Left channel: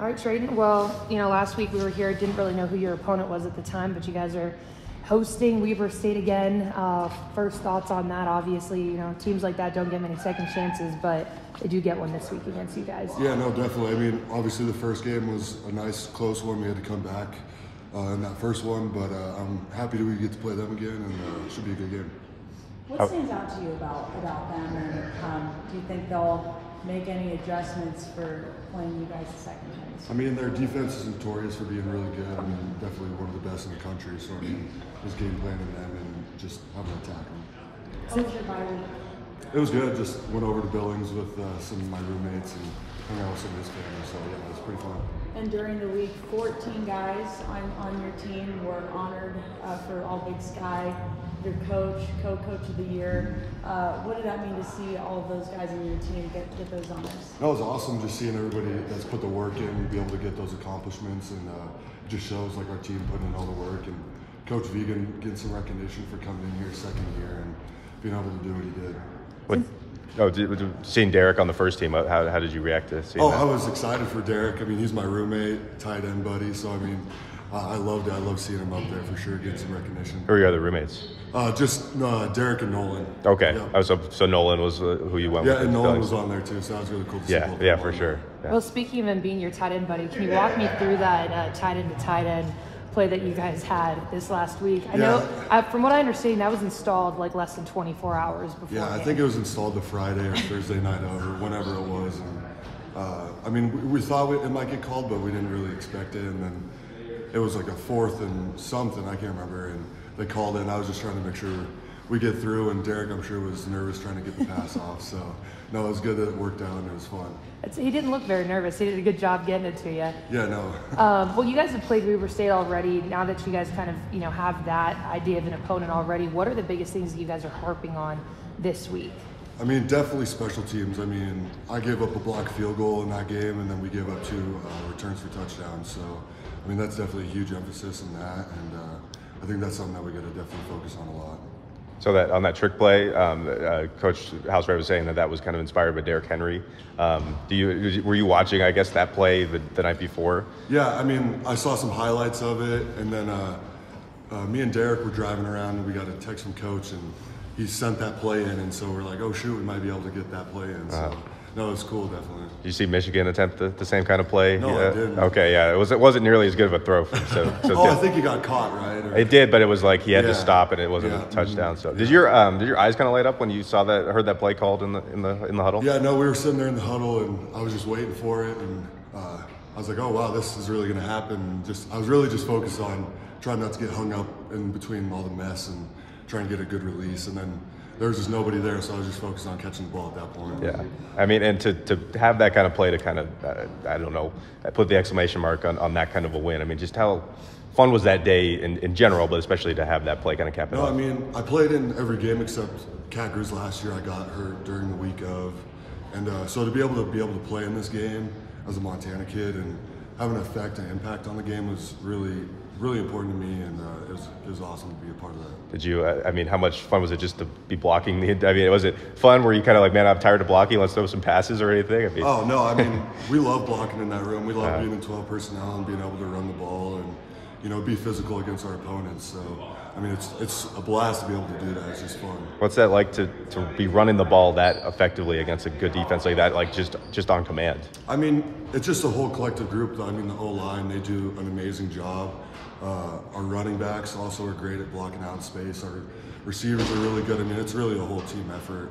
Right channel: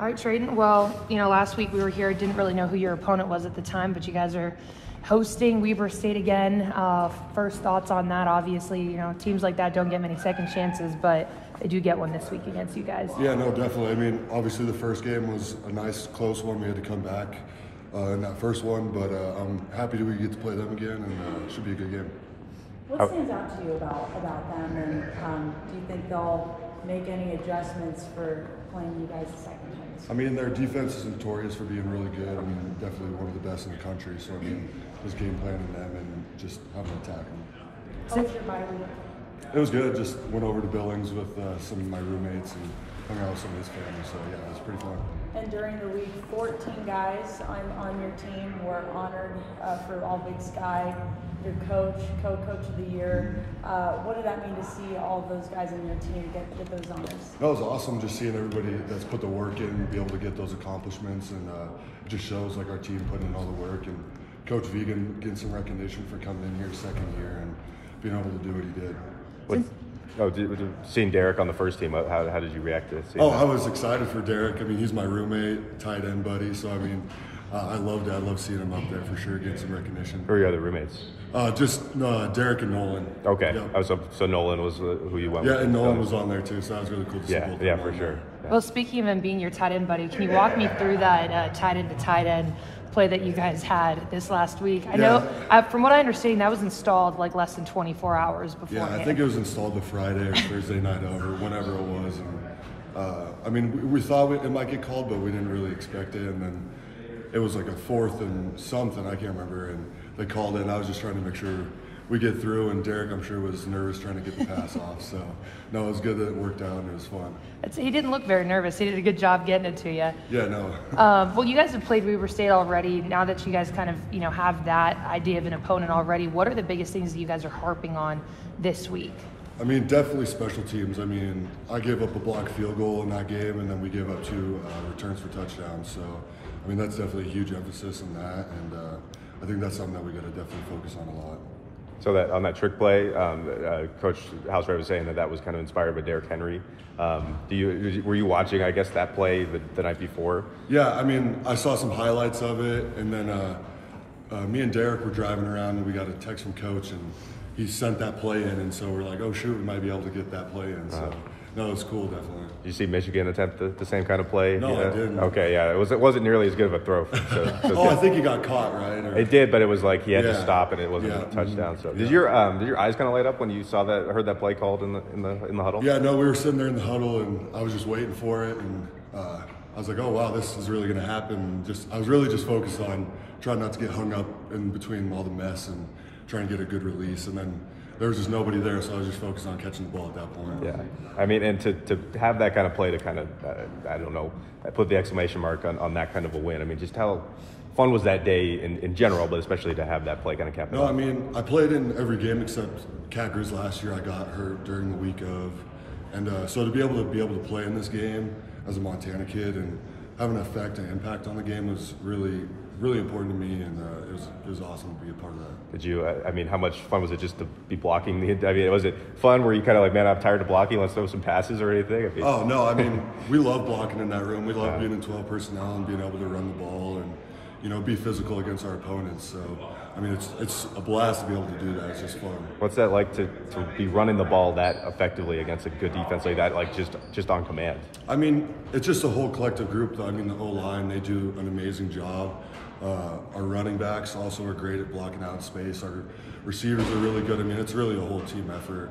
All right, Treyton. Well, last week we were here, didn't really know who your opponent was at the time, but you guys are hosting Weber State again. First thoughts on that? Obviously, teams like that don't get many second chances, but they do get one this week against you guys. Yeah, no, definitely. I mean, obviously the first game was a nice, close one. We had to come back in that first one, but I'm happy that we get to play them again, and it should be a good game. What stands out to you about them, and do you think they'll make any adjustments for playing you guys a second chance? I mean, their defense is notorious for being really good. I mean, definitely one of the best in the country. So, I mean, just game planning them and just having to attack them. How was your bye week? It was good. Just went over to Billings with some of my roommates and hung out with some of his family. So, yeah, it was pretty fun. And during the week, 14 guys on your team were honored for All Big Sky. Your coach, co-coach of the year. What did that mean to see all of those guys on your team get those honors? That was awesome, just seeing everybody that's put the work in, be able to get those accomplishments, and it just shows like our team putting in all the work. And Coach Vegan getting some recognition for coming in here second year and being able to do what he did. Seeing Derryk on the first team, how did you react to seeing that? I was excited for Derryk. I mean, he's my roommate, tight end buddy, so I mean, I loved it. I love seeing him up there for sure, getting some recognition. Who are your other roommates? Derryk and Nolan. Okay. Yep. So Nolan was who you went with? Yeah, and Nolan was on there too, so that was really cool to see both of them. Yeah, for sure. Yeah. Well, speaking of him being your tight end buddy, can you walk me through that tight end to tight end play that you guys had this last week? I know, from what I understand, that was installed like less than 24 hours before. Yeah, I think it was installed the Friday or Thursday night over, whenever it was. And I mean, we thought it might get called, but we didn't really expect it. And then it was like a 4th and something, I can't remember, and they called it, and I was just trying to make sure we get through, and Derryk, I'm sure, was nervous trying to get the pass off. So, no, it was good that it worked out, and it was fun. He didn't look very nervous. He did a good job getting it to you. Yeah, no. Well, you guys have played Weber State already. Now that you guys kind of, have that idea of an opponent already, what are the biggest things that you guys are harping on this week? I mean, definitely special teams. I mean, I gave up a blocked field goal in that game, and then we gave up 2 returns for touchdowns. So, I mean, that's definitely a huge emphasis in that, and I think that's something that we got to definitely focus on a lot. So that on that trick play, Coach Housewright was saying that was kind of inspired by Derrick Henry. Were you watching, I guess, that play the night before? Yeah, I mean, I saw some highlights of it, and then me and Derryk were driving around, and we got a text from Coach, and he sent that play in, and so we're like, oh shoot, we might be able to get that play in. So no, it's cool, definitely. Did you see Michigan attempt the same kind of play? No, I didn't. Okay, yeah, it wasn't nearly as good of a throw. I think he got caught, right? It did, but it was like he had to stop, and it wasn't a touchdown. So did your eyes kind of light up when you saw that, heard that play called in the huddle? Yeah, no, we were sitting there in the huddle, and I was just waiting for it, and I was like, oh wow, this is really going to happen. I was really just focused on trying not to get hung up in between all the mess and trying to get a good release, and then there was just nobody there, so I was just focused on catching the ball at that point. Yeah, I mean, and to have that kind of play to kind of, I don't know, put the exclamation mark on that kind of a win. I mean, just how fun was that day in general, but especially to have that play kind of captain? No, I mean, I played in every game except Cat-Griz last year. I got hurt during the week of, and so to be able to play in this game as a Montana kid and have an effect and impact on the game was really important to me, and it was awesome to be a part of that. Did you, I mean, how much fun was it just to be blocking? I mean, was it fun? Were you kind of like, man, I'm tired of blocking, let's throw some passes or anything? I mean, oh, no, I mean, we love blocking in that room. We love being in 12 personnel and being able to run the ball and, be physical against our opponents. So, I mean, it's a blast to be able to do that. It's just fun. What's that like to be running the ball that effectively against a good defense like that, like just on command? I mean, it's just a whole collective group, though. I mean, the O-line, they do an amazing job. Our running backs also are great at blocking out space. Our receivers are really good. I mean, it's really a whole team effort.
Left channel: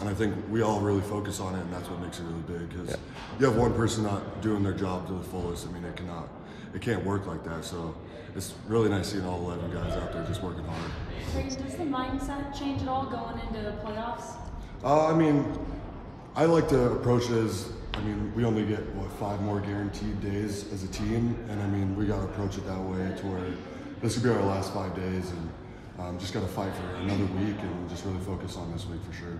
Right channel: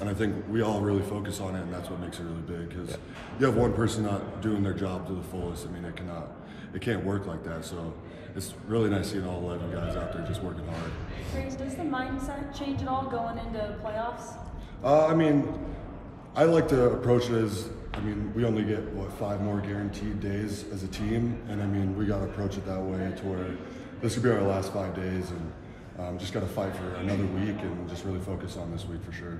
And I think we all really focus on it, and that's what makes it really big. Because you have one person not doing their job to the fullest. I mean, it can't work like that. So it's really nice seeing all 11 guys out there just working hard. Does the mindset change at all going into playoffs? I mean, I like to approach it as, I mean, we only get, 5 more guaranteed days as a team, and I mean, we got to approach it that way to where this could be our last 5 days, and just got to fight for another week and just really focus on this week for sure.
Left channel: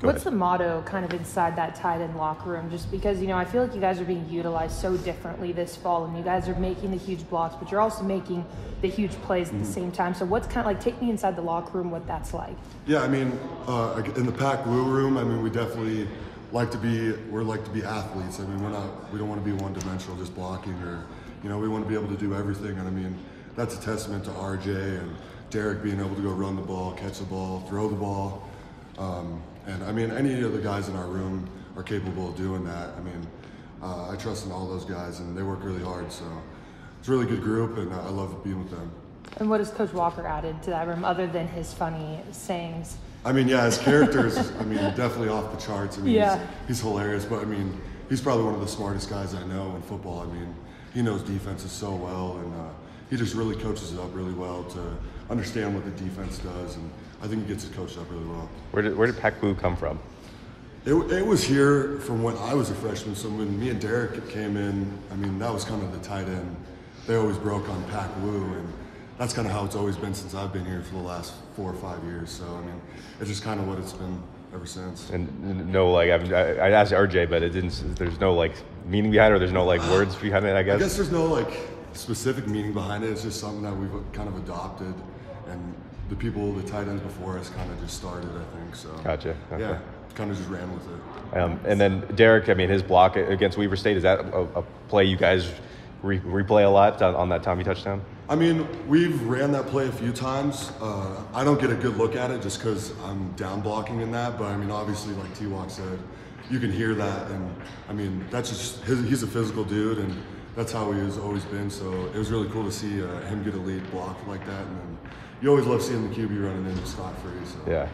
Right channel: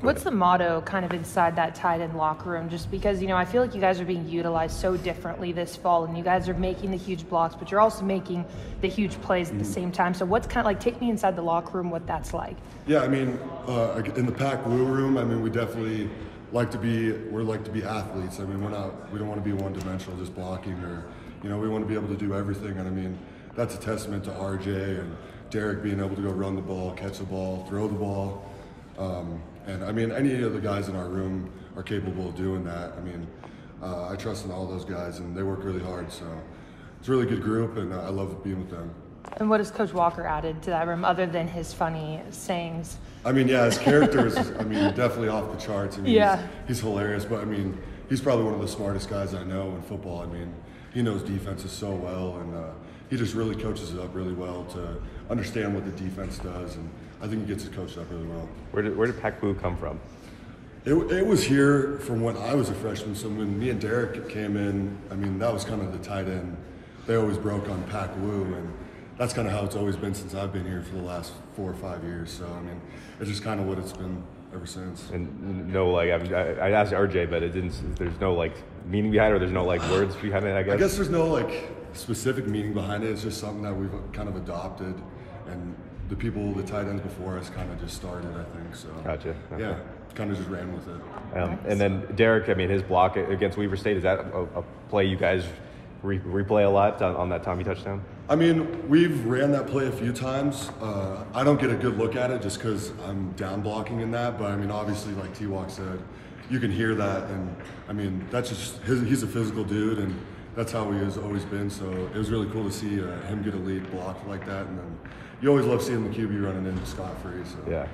What's the motto kind of inside that tight end locker room? Just because, I feel like you guys are being utilized so differently this fall, and you guys are making the huge blocks, but you're also making the huge plays at the same time. So what's kind of like, take me inside the locker room, what that's like. Yeah, I mean, in the Pack Blue room, I mean, we definitely like to be athletes. I mean, we don't want to be one-dimensional, just blocking, or we want to be able to do everything. And I mean, that's a testament to RJ and Derryk being able to go run the ball, catch the ball, throw the ball. And I mean, any of the guys in our room are capable of doing that. I mean, I trust in all those guys, and they work really hard. So it's a really good group, and I love being with them. And what has Coach Walker added to that room other than his funny sayings? I mean, yeah, his character is, I mean, definitely off the charts. I mean, yeah. he's hilarious, but I mean, he's probably one of the smartest guys I know in football. I mean, he knows defenses so well, and he just really coaches it up really well to understand what the defense does, and I think he gets it coached up really well. Where did Pac-Boo come from? It was here from when I was a freshman. So when me and Derryk came in, I mean, that was kind of the tight end. They always broke on Pac-Woo, and that's kind of how it's always been since I've been here for the last 4 or 5 years. So I mean, it's just kind of what it's been ever since. And no, like I asked RJ, but there's no like meaning behind it, or there's no like words behind it. I guess there's no like specific meaning behind it. It's just something that we've kind of adopted, and the tight ends before us kind of just started, I think. So gotcha. Okay. Yeah, kind of just ran with it. And then Derryk, I mean, his block against Weber State, is that a play you guys replay a lot on that Tommy touchdown? I mean, we've ran that play a few times. I don't get a good look at it just because I'm down blocking in that, but I mean, obviously, like T-Walk said, you can hear that, and I mean, that's just he's a physical dude, and that's how he has always been. So it was really cool to see him get a lead block like that, and then you always love seeing the QB running in scot-free. So yeah.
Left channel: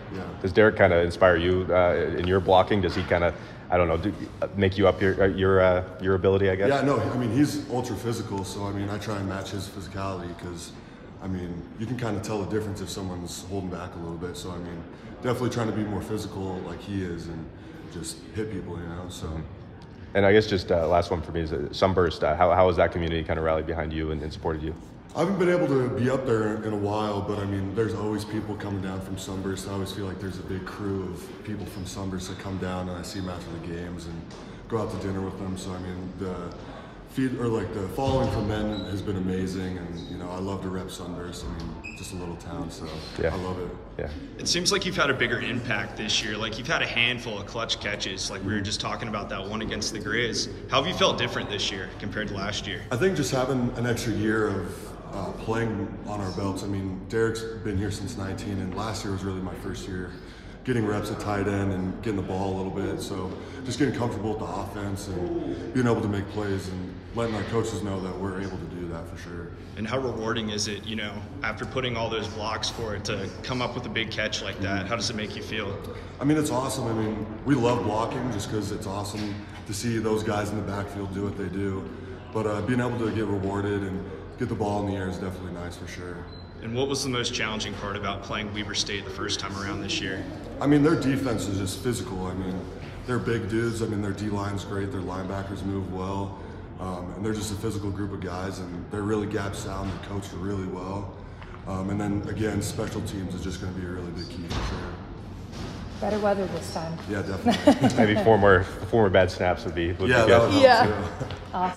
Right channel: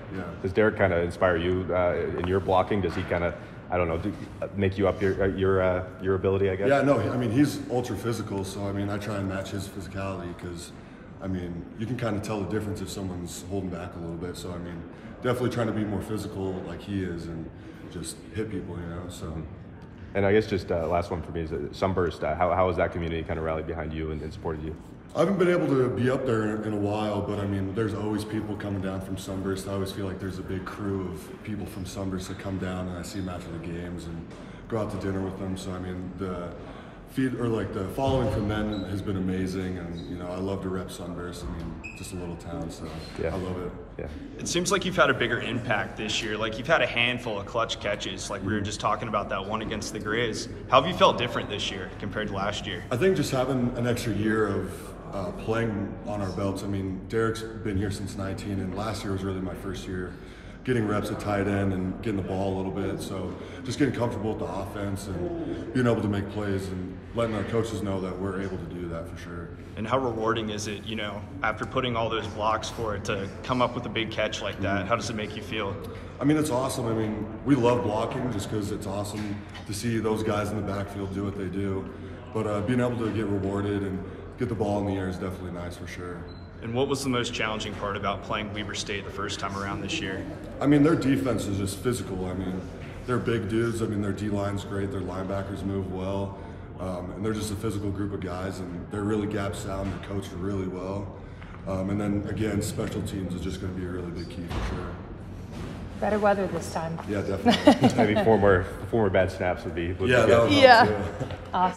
Does Derryk kind of inspire you in your blocking? Does he kind of, I don't know, make you up your ability, I guess? Yeah, no, I mean, he's ultra physical, so I mean, I try and match his physicality because, I mean, you can kind of tell the difference if someone's holding back a little bit. So I mean, definitely trying to be more physical like he is and just hit people, so. And I guess just last one for me is Sunburst. How has that community kind of rallied behind you and supported you? I haven't been able to be up there in a while, but I mean, there's always people coming down from Sunburst. I always feel like there's a big crew of people from Sunburst that come down, and I see them after the games and go out to dinner with them. So I mean, the following from them has been amazing, and I love to rep Sunburst. I mean, just a little town, so yeah. I love it. Yeah. It seems like you've had a bigger impact this year. Like you've had a handful of clutch catches. Like we were just talking about that one against the Grizz. How have you felt different this year compared to last year? I think just having an extra year of playing on our belts. I mean, Derryk's been here since 19, and last year was really my first year getting reps at tight end and getting the ball a little bit. So just getting comfortable with the offense and being able to make plays and letting our coaches know that we're able to do that for sure. And how rewarding is it, after putting all those blocks for it, to come up with a big catch like that? How does it make you feel? I mean, it's awesome. I mean, we love blocking just because it's awesome to see those guys in the backfield do what they do. But being able to get rewarded and get the ball in the air is definitely nice for sure. And what was the most challenging part about playing Weber State the first time around this year? I mean, their defense is just physical. I mean, they're big dudes. I mean, their D-line's great. Their linebackers move well. And they're just a physical group of guys, and they're really gap sound. They're coached really well. And then, again, special teams is just going to be a really big key for sure. Better weather this time. Yeah, definitely. Maybe four more bad snaps would be that would help too. Awesome.